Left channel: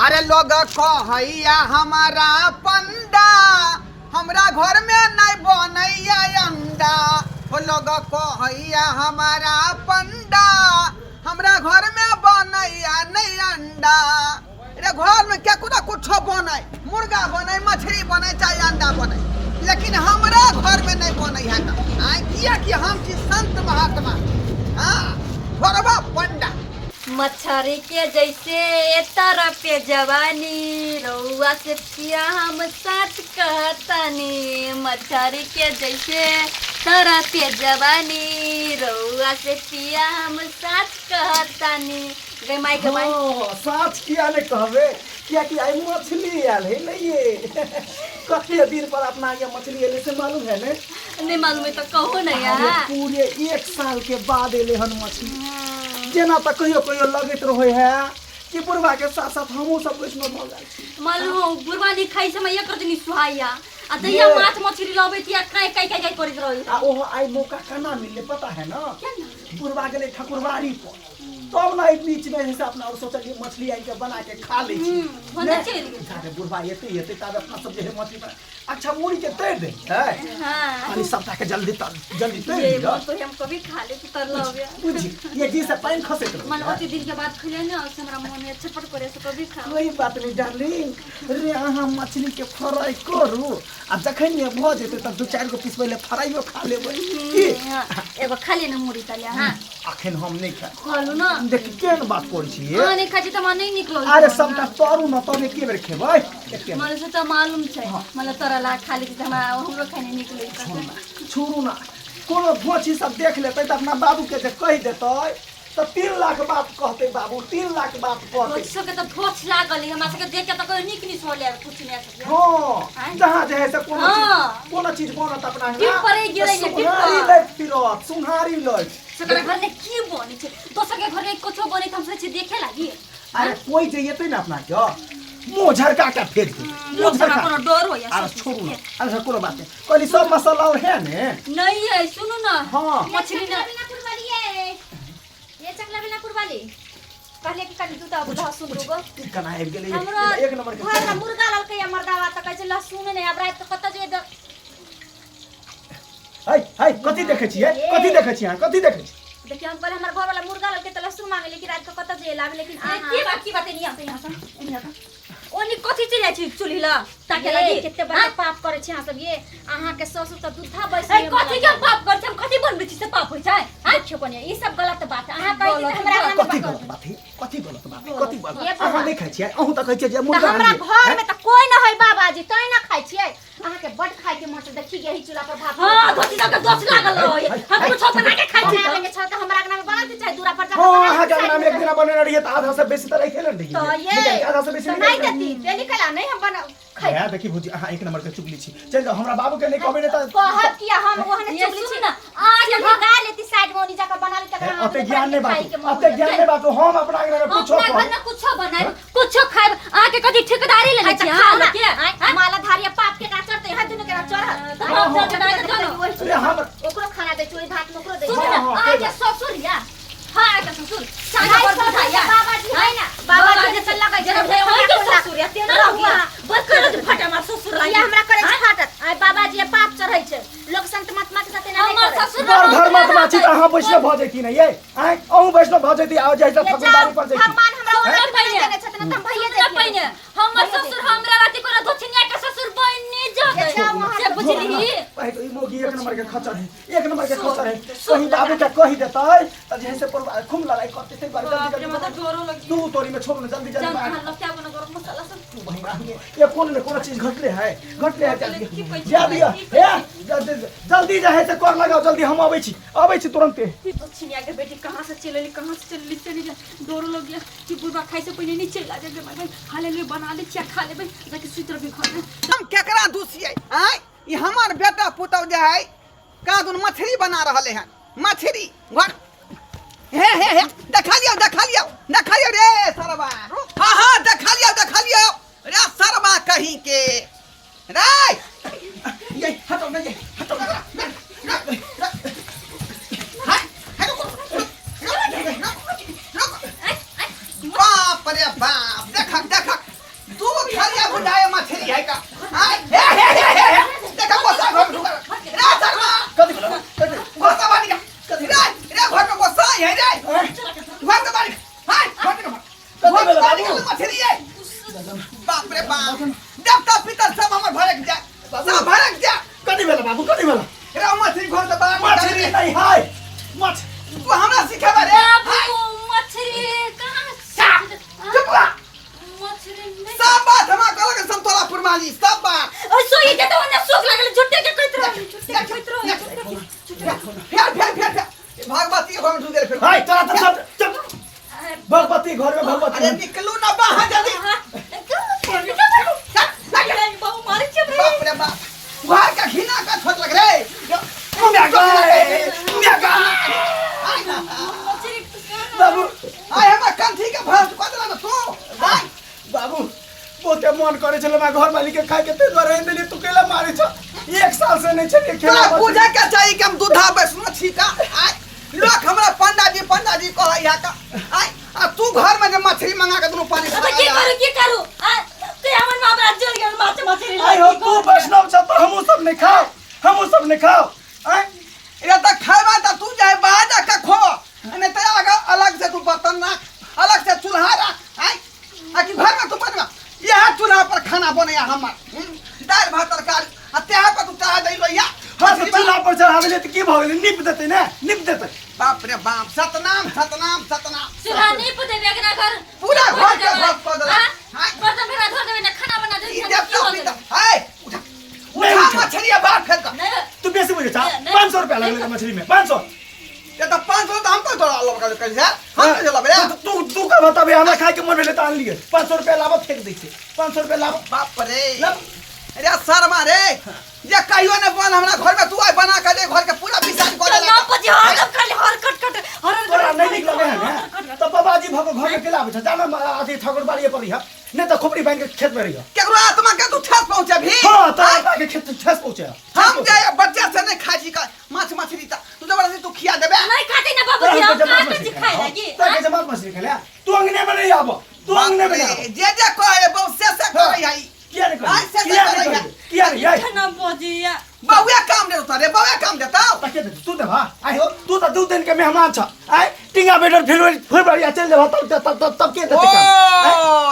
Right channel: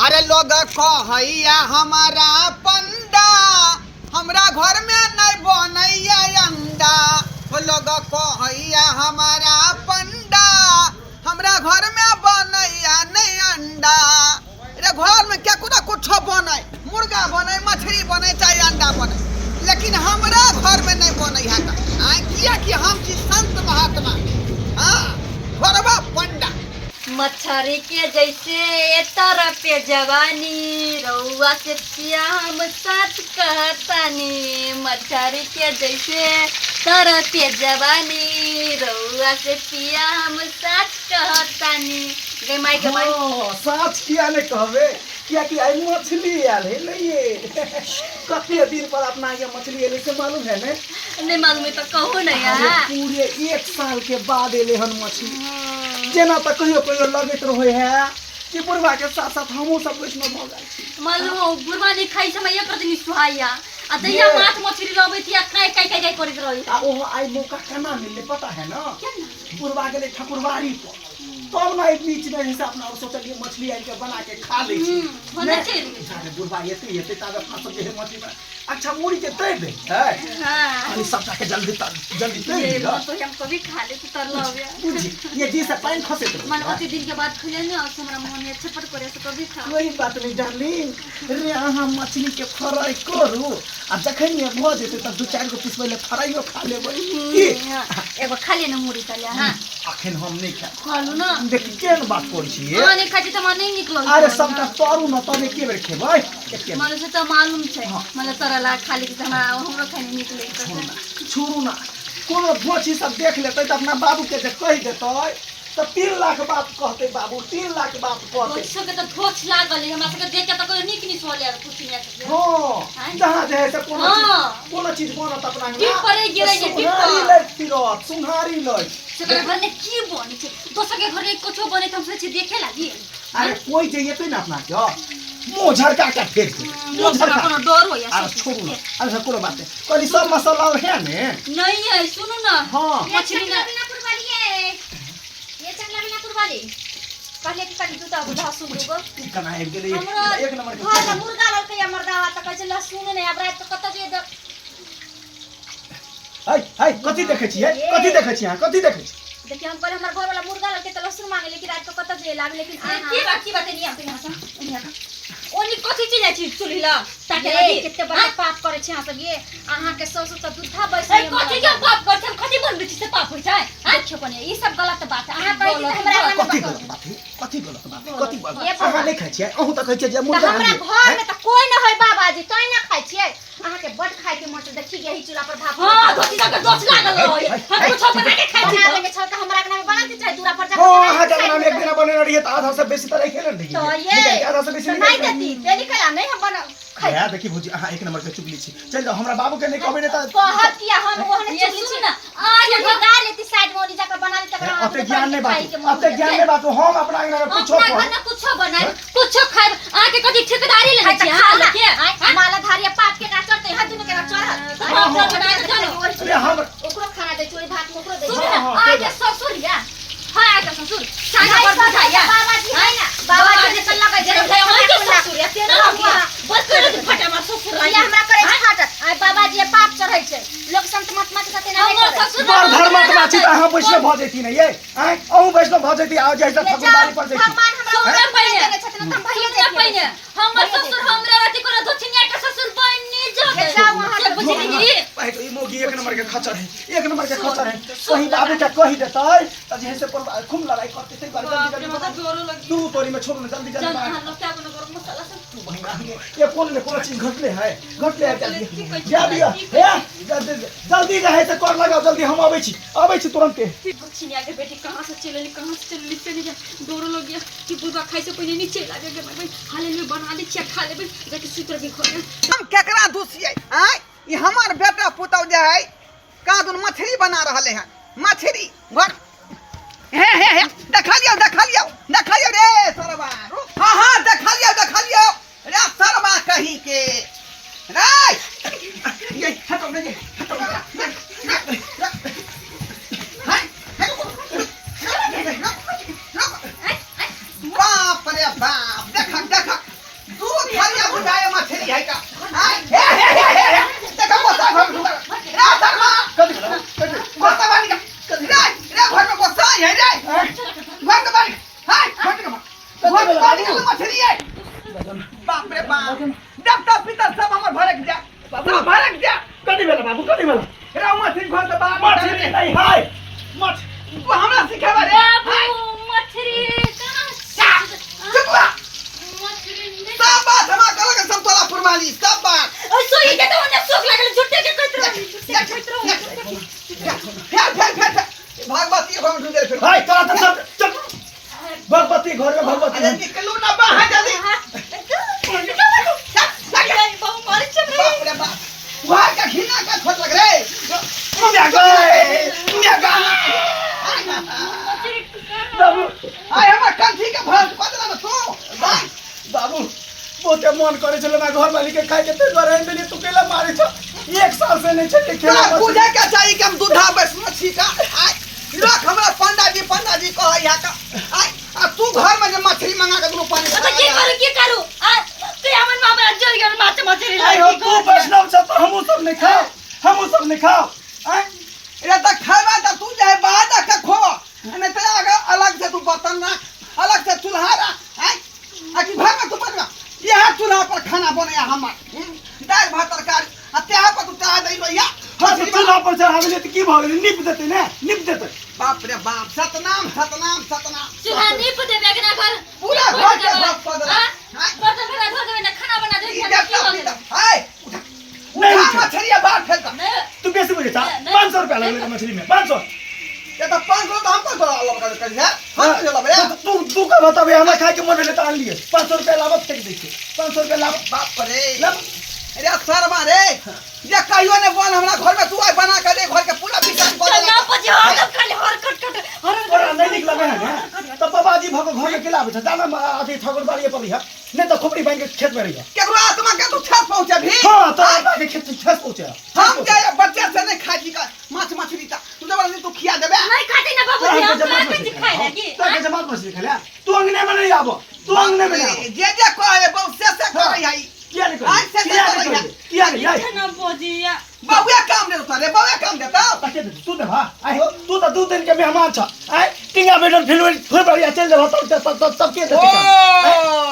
अरे लोग कहैया हमारा पंडा हमरा घर में नहीं बनैया अंडा। लोग कहैया हमारा पंडा हमरा घर में बनैया नहीं अंडा। अरे घर में क्या कुछ बने, मुर्गा बने, मछली बने, चाहे अंडा बने, लेकिन हमरा घर में नहीं बने है। किया कि हम की संत महात्मा। हाँ, घरवा पंडा मच्छरी के जैसे तरह पे जवानी रउआ से पिया हम सच कहतानी। मच्छरी के जैसे तरह पे जवानी रउआ से पिया हम सच कहतानी। गे माई के माई साच किया ने कहबे क्या कि आई मछली आल है नहीं कते दिन पर अपना ये मछली एले से मालूम है ने? नहीं मालूम है तो कहो ना यार। पूरे 1 साल के बाद एले हन मछली। जेना तो कहियो लगत रहे है कि बुढ़वा के साथ साथ हमहू सब वैष्णव भ जाय छी। मालूम बुढ़वा ने खाई समय एक दिन सुहाइया आ दैया माछ मछली लबे तिया काय करत रही। आ ओहो आई मौका कना मिले पता है ना? बुढ़वा गेले ठकुरबाड़ी पर तब ना एक बीच में जैसे अपना और सोचलिए मछली आई के बना के खा ले छी। अरे बुढ़वा येते तब अपना सब जे मछली बना अच्छा मुड़ी के तैर दे है। हां अरे सब के जल्दी तैर ये तो हम कभी खा ले तर लगे बुझी ये जी से पानी खसे तो मन ओते दिन के बाद खुले ना हमरा मन में छपट करे से कभी खा। कोई बात नहीं डार्लिंग रे अहाँ मछली के फ्राई करू आ जखन ये भ जेते त 2-4 गो पीस पहले फ्राईयो खा लेबै की एगो खा ले न मुड़ी तले। हां अखन हम नहीं खा खालू ना देख केन बात करै छी। हां नहीं खाती त मन नहीं निकलो। अरे सबटा तोरू न तने के बेर खेबै एके मन से त मालूम छै मतलब तरला खाली के हमरा हमरो खाने निकले छोड़ू ना कोनो भोची सब देख लेतै त अपना बाबू के जे कहि देतै त 3 लाख बात कहते बाबू 3 लाख बात कहते। सब के त भोच लागल हमरा सब के देख के त कोई निक नि सोले कुछ नहीं सके। हां जहां जे है से कोनो चीज बनत अपना टिप परे गिरै ने टिप सुहारी लग फिरत सुहारी लग सकरा घर में की बने छै दोसर के घर में कुछो बने त हम सोचे देखे लागी। अरे कोई जे येतै ना अपना के मुंह झरका के फेर दे मुंह झरका कोनो डर हो या अरे छोड़ू ना अरे कोनो बात नहीं कहली सब मसाला और है ने नहीं है सुनो ना। हां मछली ना कुरबाली है ये चकला बिना कुरबाली पहले की कटी दूता लहसुन रुगो कना एक गेले एक नंबर के घर में मुर्गा ललके या मर्दावा त कहै छै लहसुन ने अब रात तो कत जे हाय कथि देखै छियै कथि देखै छियै कथि देखै छियै? देखिए हम कहले हमर घर वाला मुर्गा ललके त लहसुन मांगे लेकिन रात को कत जे लावे लेकिन की बात नहीं आते यहां से ओनी कथि चल जाय छी चुल्ही ल ताके लगी कितने बड़ा पाप करे छै हां सब ये अहां के ससुर त दूधा बैस ए कथि के पाप कर हम कथि बनबै छी से पाप होय छै। देखियो कोनी ई सब गलत बात है अहां कहै छी हमरा कथि गलत बात है कथि गलत बात है कथि बात अहाँ नहीं खाइ छियै अहूं त कहै छियै जे मुर्गा हमरा घर में त कोई न होय बाबाजी तै न खाइ छियै अहां के बड खाइ के मन से देखि यही चूल्हा पर भात। हां कथि के दोस लागल रहे हम कुछ बना के खाइ छी बनावे के छ त हमरा के नाम बनाते चाहे दूरा पर हां जाके हजार नाम एक दिन बने रही है त आधा से बेसी त नहीं खेलन रही तो ये आधा से बेसी नहीं देती तेली कला नहीं हम बना खाइ है देखी भौजी अहाँ एक नंबर के चुगली छी चल जाओ हमरा बाबू के नहीं कहबे त कहत किया हम ओहने ये चुगली सुन छी ना आज हम गा लेती साइड में जाकर बना लेते अते ज्ञान नहीं बात अते ज्ञान नहीं बात हम अपना अंगना में कुछो अपना घर में कुछो बनाए कुछो खाए आके कथि ठेकेदारी लेने छी। हां लके माला धारिया पाप के का करते हैं दिन के चढ़ हम तो बना के जानो अरे हम ओकरो खाना दे चोरी भात में ओकरो दे सुन ना आके ससुरिया हां आके ससुर चाहे पर बुझाया बाबाजी है ना बाबाजी से लगा जन्म जन्म है के ससुरिया तेरा लगिया बस कर फटा मार ससुर ये हमरा करे फाटत आई बाबाजी पाप चढ़ै छै लोग संत महात्मा के साथे नहीं हमर ससुर धर्म में छी अहाँ वैष्णव भ जैती नहीं ये आइ अहूं वैष्णव भ जैती आ जाय त ठकुरबाड़ी पर जैती भगवान हमरा सुन देने छथिन त भइए सुन देती पहिने हमर ससुर हमरा राति कोनो दोछिया के ससुर बने जगे से बुझली पहे तो ई मोगी एक नंबर के खचर है एक नंबर के खचर है कहीं बाबू का कहि देतै त जैसे पर खूब लड़ाई करते थे बाप रे मतलब जोरो लगी तू तोरी में छोड़ जल्दी जल्दी हम लोग क्या बना गरम मसाला सब तू भैया ये कौन ने कौन चीज घटले है जल्दी जा दिया हे जल्दी रहे त कर लगाओ जल्दी हम आबै छी तुरंत छिनिया के बेटी कहां से चली चली जा डोरो लग गया कि बुढ़वा खाई से पहले नीचे लागे के मगर हाले में बना ले चिया खा लेबे बेटी सूत्र भी खा ले हम केकरा दूसियै हैं? ई हमर बेटा पुतौ जे है कादुन मछली बना रहले हैं मछली घर हे देखा लियो रे सरवा हां देखा लियो रे सरवा कहीं के रे ये हटो नहीं हटो बाप रे बाप देखा चल मछली है बाप रे बाप देवता पितर सब हमर भरक जा सब भरक जा कथी भेल बाबू कथी भेल रे मछली घर से बाहर मछली नहीं हाय मछ तू हमरा सिखेबे रे बाबू मछली कहाँ चुप रह मछली सब बात हमरा कहल के संतोला फुरमाली सब बात ऐसो ही देता उन्हें सोच लागल झुट्टे के कहत रहो झुट्टे के कहत रहो फेर भगवती के घर में ढूंढे फिर हाय तोरा तो सब चल भगवती घर में भगवती अरे निकलू ना बाहर जल्दी बाबू मारे चल बाप रे बाप घर का घिना का छोट लग रे बाबू आय हमर कंठी के भरत को देला तू भाई बाबू बहुते मन करे छले ना घर वाली के खाए के ते रहे देनी तू केला मारे छ एक साल से नहीं छके खेला तोरा पूजा क्या चाहिए कि हम दूधा बस मछली का आय लोग हमरा पंडा जी कह या का आय आ तू घर में जे मछली मंगा के दोनों पानी तो की करू ते हमर मामा जल गेल माते मछली आई हो तू वैष्णव छ तो हमहु सब नहीं खाओ आय ये तो खावा तो तू जाए बाजा का खो ने ते आगे अलग से तू बर्तन रख अलग से चूल्हा रख आय आ कि घर में तू बनवा यह चूल्हा पर खाना बने हमर दाल भात तरकारी आ तेहा पर तू चढ़ा दई भैया हाथ चूल्हा पर चढ़ा देले त की भ गेलै निप देते बाप रे बाप सतनाम चूल्हा नहीं पुदे बेगना घर पूरा घर के भक्त कर देला बर्तन भरा धो देबे ना खाना बना दे ई देवता पिता हाय उठा मछली बाहर फेंक नहीं तू कैसे बोले था 500 रुपया लगेगा मछली में 500 ये तो 500 तो हमको तो अलग कर है हम तो चला बे तू का बता बे हमें खाए के मन भेले त आन लिए 500 रुपया लागत फेंक दै छै 500 रुपया लागत बाप रे अरे शर्मा रे ये कहियो ने बन हमरा घर में तू आई बना के दे घर के पूरा विचार कर ना देला पजी हर खाली हर कट तोरा नहीं निक लगे है ना तो बाबाजी भगो घर में केला आबे छ जाना आधी ठाकुर बाड़ी पर है नहीं तो खोपड़ी बांध के खेत में रहिया केकरो आत्मा के तू ठेस पहुंचे भी हां तो आत्मा के खेत ठेस पहुंचे हम जाए बच्चा से नहीं खाजी का माछ मछली ता तू जबरदस्ती तू खिया देबे नहीं खाते ना बाबू जी हम काट के खाए लगी तो के जमात मछली खेला तू अंगने में नहीं आबो तू अंगने में नहीं जे कहे बहुत से करे आई किया नहीं आई से किया नहीं आई ना पजिया बहुया काम दे तोरे बहुया काम देता ताके तू दे भा आई हो तू तो 2 दिन के मेहमान छ आई टिंगा बेटर फिर बढ़िया चल जा तब के ओ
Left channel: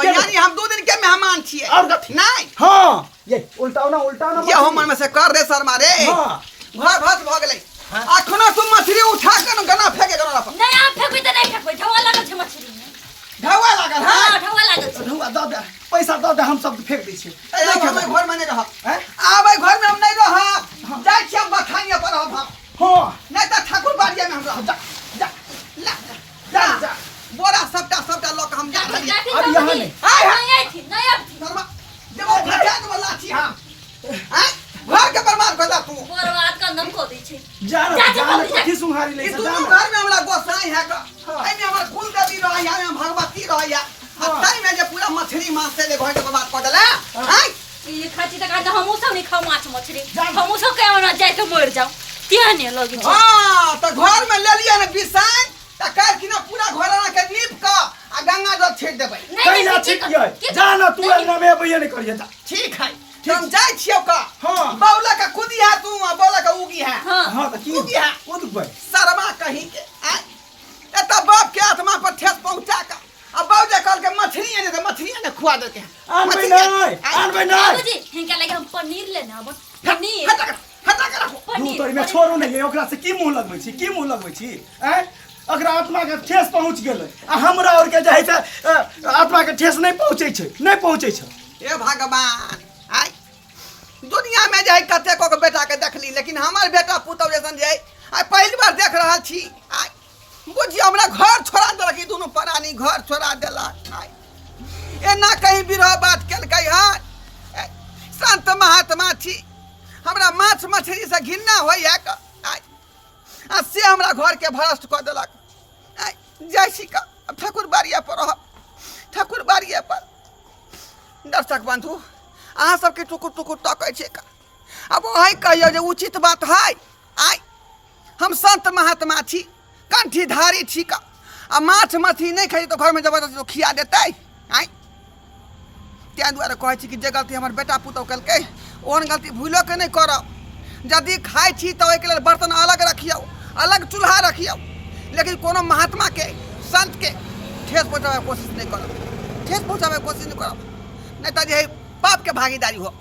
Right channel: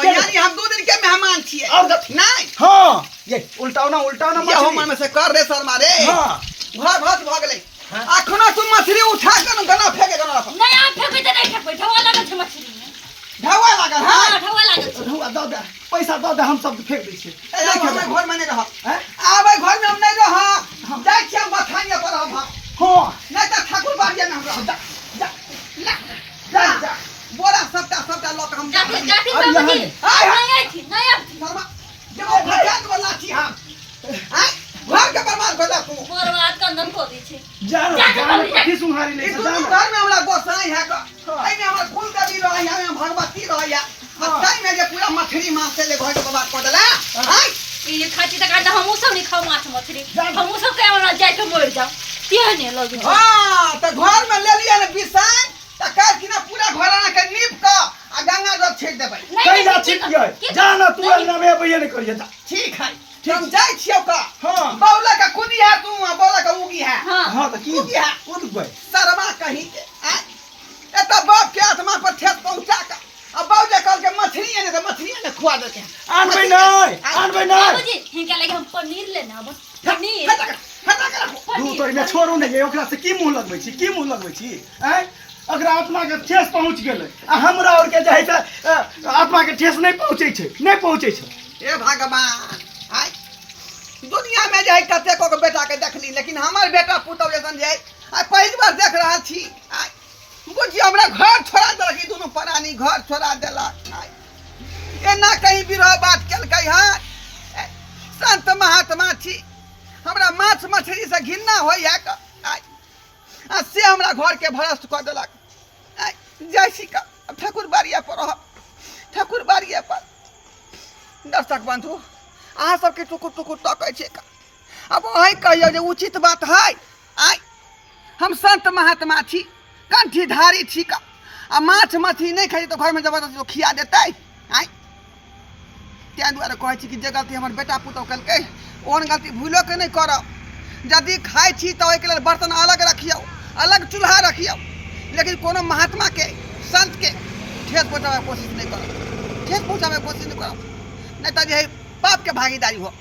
यानी हम 2 दिन के मेहमान छिए और नहीं हां ये उल्टाओ ना ये हम में से कर रे शर्मा रे हां घर भस भ गेलै अखनो तू मछली उठा के गना फेंके गना पर नहीं आप फेंकबे त नहीं फेंकबे ढवा लागल छ मछली में ढवा लागल है हां ढवा लागल छ ढुआ दे पैसा दे हम सब फेंक दै छी हम घर में नहीं रह हैं आबै घर में हम नहीं रह जाय छी हम बथानिया पर हम हां नहीं तो ठाकुर बाड़िया में हम रह जा बोरा सबटा लोग हम जा जाती रही अब यहाँ नहीं। नहीं थी नहीं अब शर्मा जब वो भजान वाला छी हम आय घर के बर्बाद भेला तू बर्बाद का नम को दी छे जान कथी सुहारी ले ई दुनू घर में हमरा गोसाई है का आई में हमर कुल देवी रह या में भगवती रह या ताई में जे पूरा मछली मांस से ले घर के बर्बाद कर देला आय ये खाती तक आधा हमहू सब नहीं खाओ माछ मछली हमहू सब कहे ना जाए के मर जाओ तिया ने लगी हां तो घर में ले लिया ने बिसाई त कर कि ना पूरा घर ना के नीप का आ गंगा जल छीट देबै कई ना छिट गए जाना तू अंगना में भैया नहीं करिए जा ठीक है हम जाय छियो का हां बौला का कुदी है तू बौला का उगी है हां तो की उगी है ओ तो भाई शर्मा कहीं के आय एता बाप के आत्मा पर ठेस पहुंचा का अब बाबूजी कहल के मछली ने खुआ देते हैं आनबे नहीं बाबूजी हिनका लगे हम पनीर लेना अब पनीर हटा कर रखो दू तोर में छोड़ू नहीं ओकरा से की मुंह लगबै छी हैं अगर आत्मा के ठेस पहुंच गेलै आ हमरा और के जे है आत्मा के ठेस नहीं पहुंचे छै ए भगवान आय दुनिया में जे है कते को के बेटा के देखली लेकिन हमर बेटा पुतौ जैसन जे है पहली बार देख रहल छी आय बुझी हमरा घर छोड़ा देलक दोनों प्राणी घर छोड़ा देलक आय एना कहीं बिरह बात केलकै है संत महात्मा छी हमरा माछ मछली से घिन्ना होइया आय आ से हमरा घर के भ्रष्ट कर देलक आय जैसी का ठाकुर बाड़िया पर रह ठाकुर बाड़िया पर दर्शक बंधु अहाँ सबके टुकुर तकै छै का अब वही कहियो जे उचित बात है आय हम संत महात्मा छी कंठीधारी छी का आ माछ मछली नहीं खाई तो घर में जबरदस्ती खिया देते आय त्या दुआरे कहै छी कि जे गलती हमर बेटा पुतौ कलकै ओहन गलती भूलो के नहीं करब यदि खाई छी तो ओहि के लेल बर्तन अलग रखियो अलग चूल्हा रखियो लेकिन कोनो महात्मा के संत के ठेस पहुँचाबे कोशिश नहीं करब ठेस पहुंचावे के कोशिश नहीं करब नहीं तो जे पाप के भागीदारी हो